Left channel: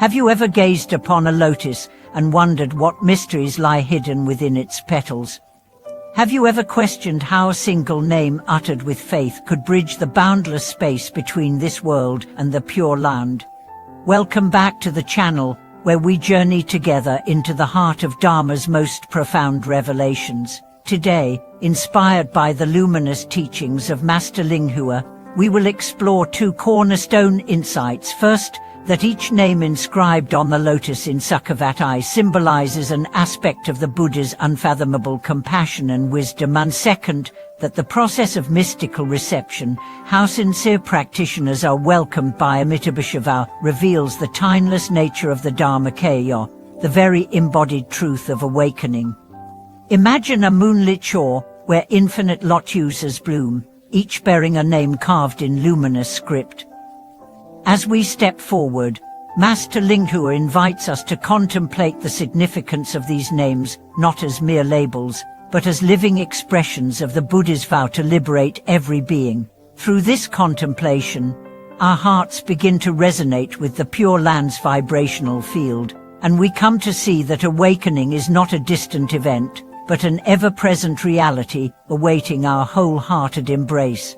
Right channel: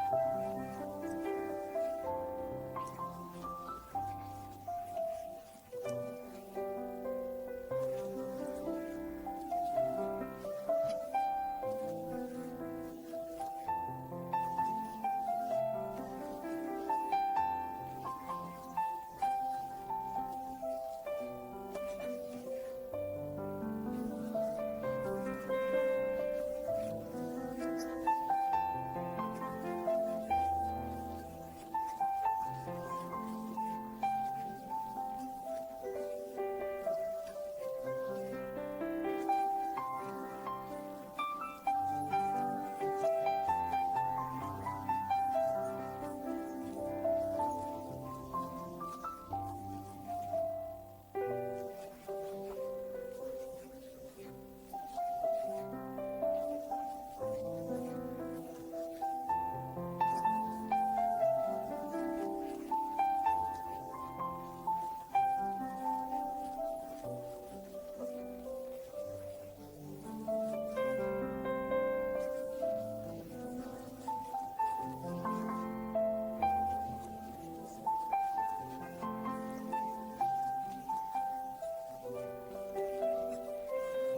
Have you ever gazed upon a lotus and wondered what mysteries lie hidden within its petals? Have you ever questioned how a single name uttered with faith could bridge the boundless space between this world and the Pure Land? Welcome back to the channel, where we journey together into the heart of Dharma's most profound revelations. Today, inspired by the luminous teachings of Master Linghua, we will explore two cornerstone insights. First, that each name inscribed on the lotus in Sukhavati symbolizes an aspect of the Buddha's unfathomable compassion and wisdom, and second, that the process of mystical reception, how sincere practitioners are welcomed by Amitabha, reveals the timeless nature of the Dharmakāya, the very embodied truth of awakening. Imagine a moonlit shore where infinite lotuses bloom, each bearing a name carved in luminous script. As we step forward, Master Linghua invites us to contemplate the significance of these names, not as mere labels, but as living expressions of the Buddha's vow to liberate every being. Through this contemplation, our hearts begin to resonate with the Pure Land's vibrational field, and we come to see that awakening is not a distant event, but an ever-present reality awaiting our wholehearted embrace.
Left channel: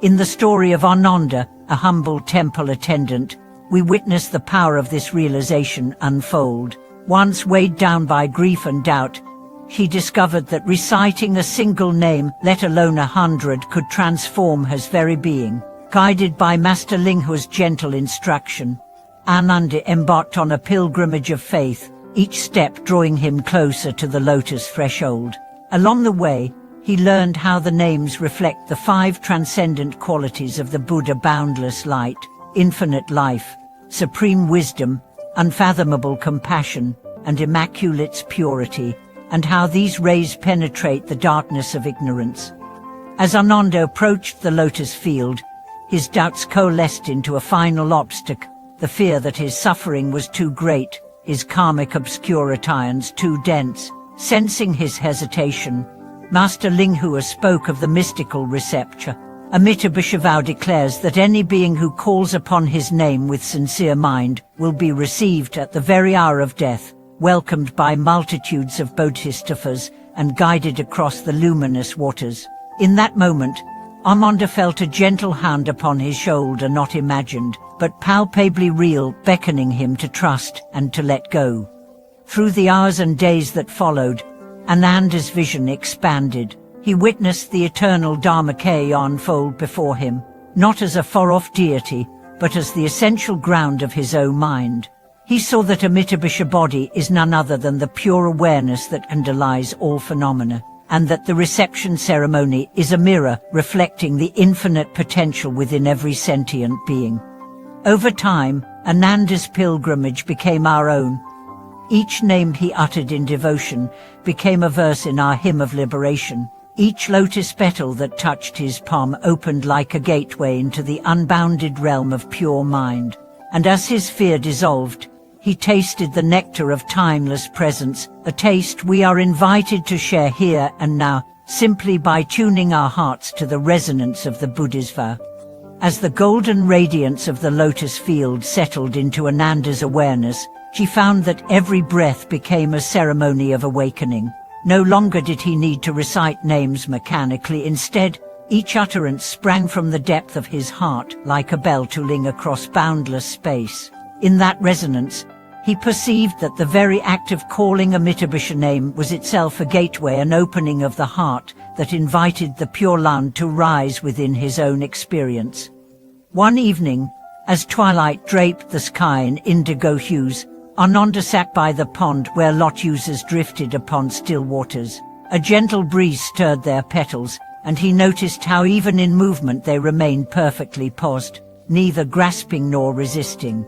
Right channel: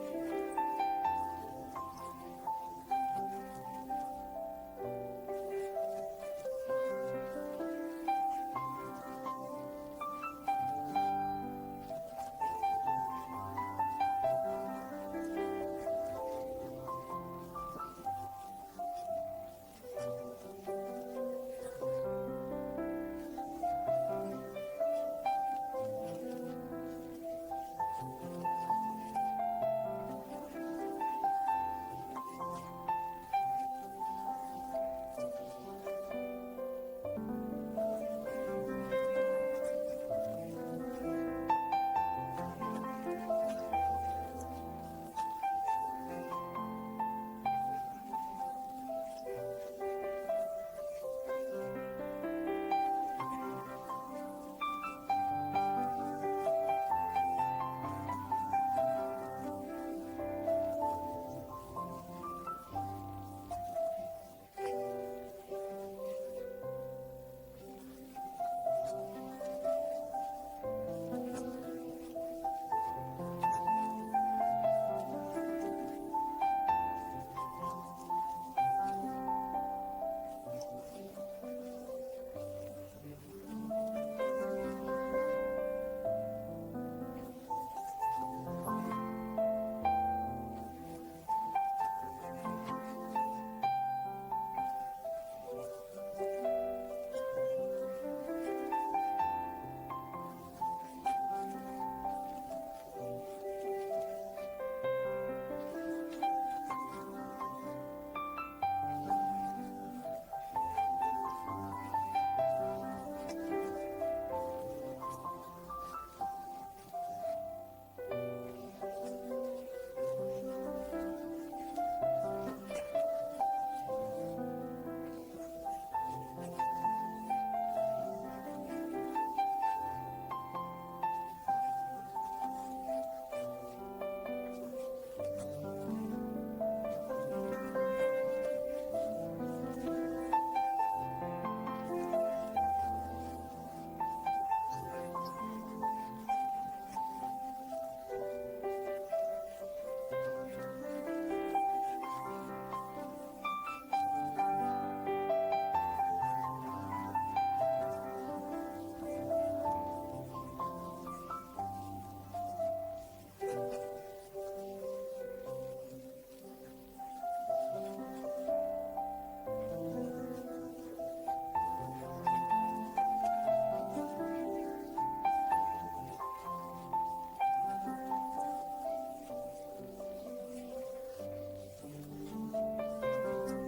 In the story of Ananda, a humble temple attendant, we witness the power of this realization unfold. Once weighed down by grief and doubt, he discovered that reciting a single name, let alone 100, could transform his very being. Guided by Master Linghua's gentle instruction, Ananda embarked on a pilgrimage of faith, each step drawing him closer to the lotus threshold. Along the way, he learned how the names reflect the 5 transcendent qualities of the Buddha: boundless light, infinite life, supreme wisdom, unfathomable compassion, and immaculate purity, and how these rays penetrate the darkness of ignorance. As Ananda approached the lotus field, his doubts coalesced into a final obstacle: the fear that his suffering was too great, his karmic obscurities too dense. Sensing his hesitation, Master Linghua spoke of the mystical reception. Amitabha declares that any being who calls upon his name with sincere mind will be received at the very hour of death, welcomed by multitudes of bodhisattvas, and guided across the luminous waters. In that moment, Ananda felt a gentle hand upon his shoulder, not imagined, but palpably real, beckoning him to trust and to let go. Through the hours and days that followed, Ananda's vision expanded. He witnessed the eternal Dharmakāya unfold before him, not as a far-off deity, but as the essential ground of his own mind. He saw that Amitabha body is none other than the pure awareness that underlies all phenomena, and that the reception ceremony is a mirror reflecting the infinite potential within every sentient being. Over time, Ananda's pilgrimage became our own. Each name he uttered in devotion became a verse in our hymn of liberation. Each lotus petal that touched his palm opened like a gateway into the unbounded realm of pure mind. And as his fear dissolved, he tasted the nectar of timeless presence, a taste we are invited to share here and now, simply by tuning our hearts to the resonance of the Buddha's vow. As the golden radiance of the lotus field settled into Ananda's awareness, she found that every breath became a ceremony of awakening. No longer did he need to recite names mechanically. Instead, each utterance sprang from the depth of his heart, like a bell tolling across boundless space. In that resonance, he perceived that the very act of calling Amitabha name was itself a gateway, an opening of the heart that invited the Pure Land to rise within his own experience. One evening, as twilight draped the sky in indigo hues, Ananda sat by the pond where lotuses drifted upon still waters. A gentle breeze stirred their petals, and he noticed how even in movement they remained perfectly poised, neither grasping nor resisting.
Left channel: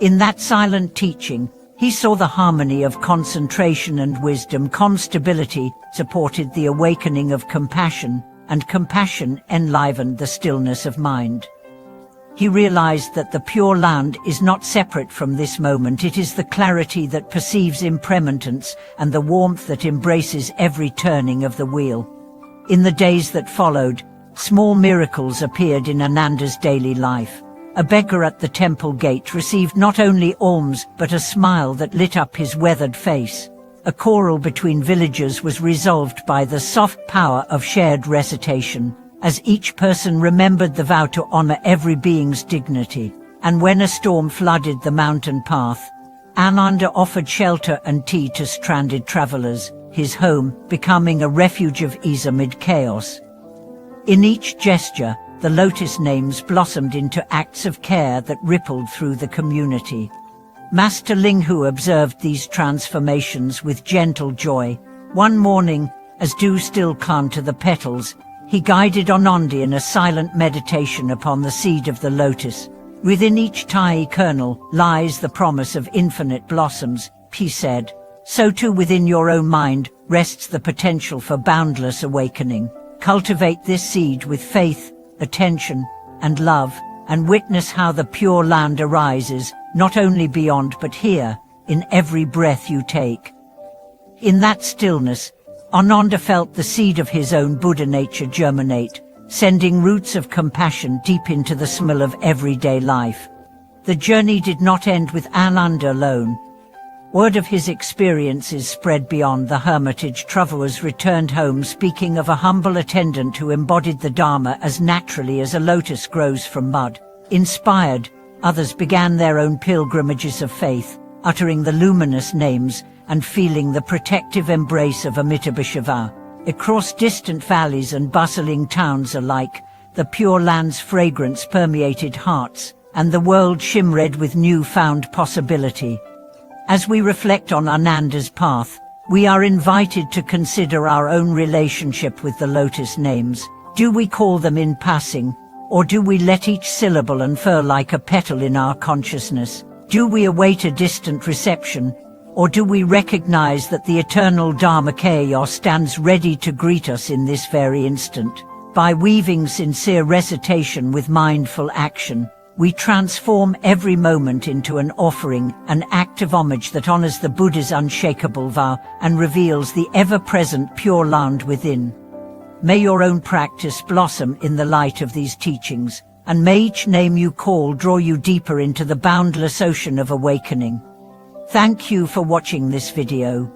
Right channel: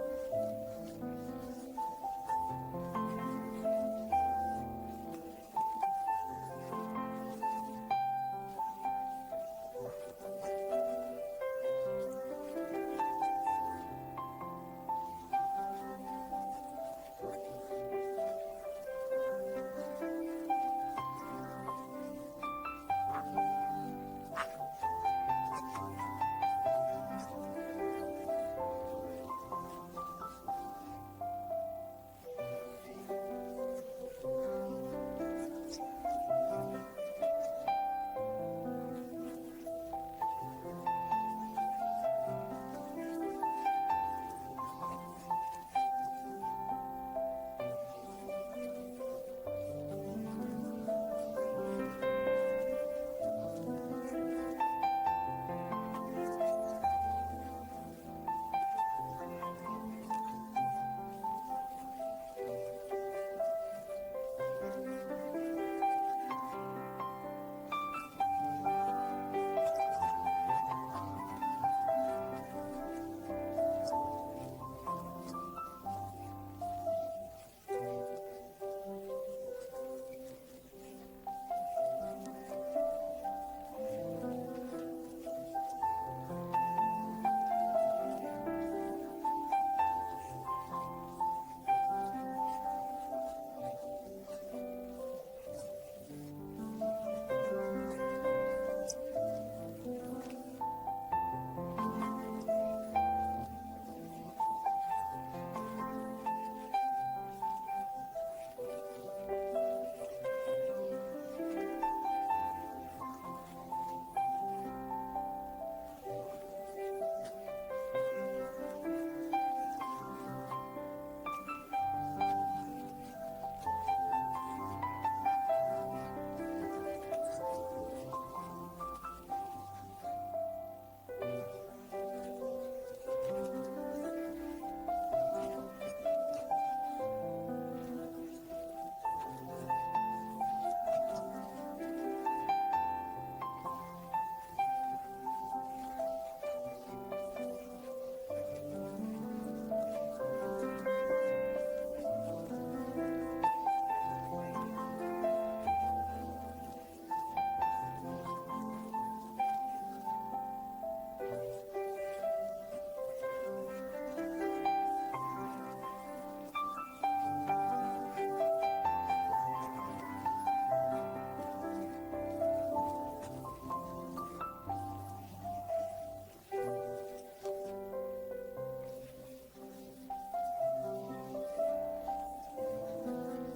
In that silent teaching, he saw the harmony of concentration and wisdom. Calm stability supported the awakening of compassion, and compassion enlivened the stillness of mind. He realized that the Pure Land is not separate from this moment. It is the clarity that perceives impermanence and the warmth that embraces every turning of the wheel. In the days that followed, small miracles appeared in Ananda's daily life. a beggar at the temple gate received not only alms but a smile that lit up his weathered face. A quarrel between villagers was resolved by the soft power of shared recitation, as each person remembered the vow to honor every being's dignity. And when a storm flooded the mountain path, Ananda offered shelter and tea to stranded travelers, his home becoming a refuge of ease amid chaos. In each gesture, the lotus names blossomed into acts of care that rippled through the community. Master Linghu observed these transformations with gentle joy. One morning, as dew still clung to the petals, he guided Ananda in a silent meditation upon the seed of the lotus. Within each tiny kernel lies the promise of infinite blossoms, he said. So too within your own mind rests the potential for boundless awakening. Cultivate this seed with faith, attention, and love, and witness how the Pure Land arises, not only beyond but here, in every breath you take. In that stillness, Ananda felt the seed of his own Buddha nature germinate, sending roots of compassion deep into the smell of everyday life. The journey did not end with Ananda alone. Word of his experiences spread beyond the hermitage. Travelers returned home speaking of a humble attendant who embodied the Dharma as naturally as a lotus grows from mud. Inspired, others began their own pilgrimages of faith, uttering the luminous names and feeling the protective embrace of Amitabha. Across distant valleys and bustling towns alike, the Pure Land's fragrance permeated hearts, and the world shimmered with new-found possibility. As we reflect on Ananda's path, we are invited to consider our own relationship with the lotus names. Do we call them in passing, or do we let each syllable unfurl like a petal in our consciousness? Do we await a distant reception, or do we recognize that the eternal Dharmakāya stands ready to greet us in this very instant? By weaving sincere recitation with mindful action, we transform every moment into an offering, an act of homage that honors the Buddha's unshakable vow and reveals the ever-present Pure Land within. May your own practice blossom in the light of these teachings, and may each name you call draw you deeper into the boundless ocean of awakening. Thank you for watching this video.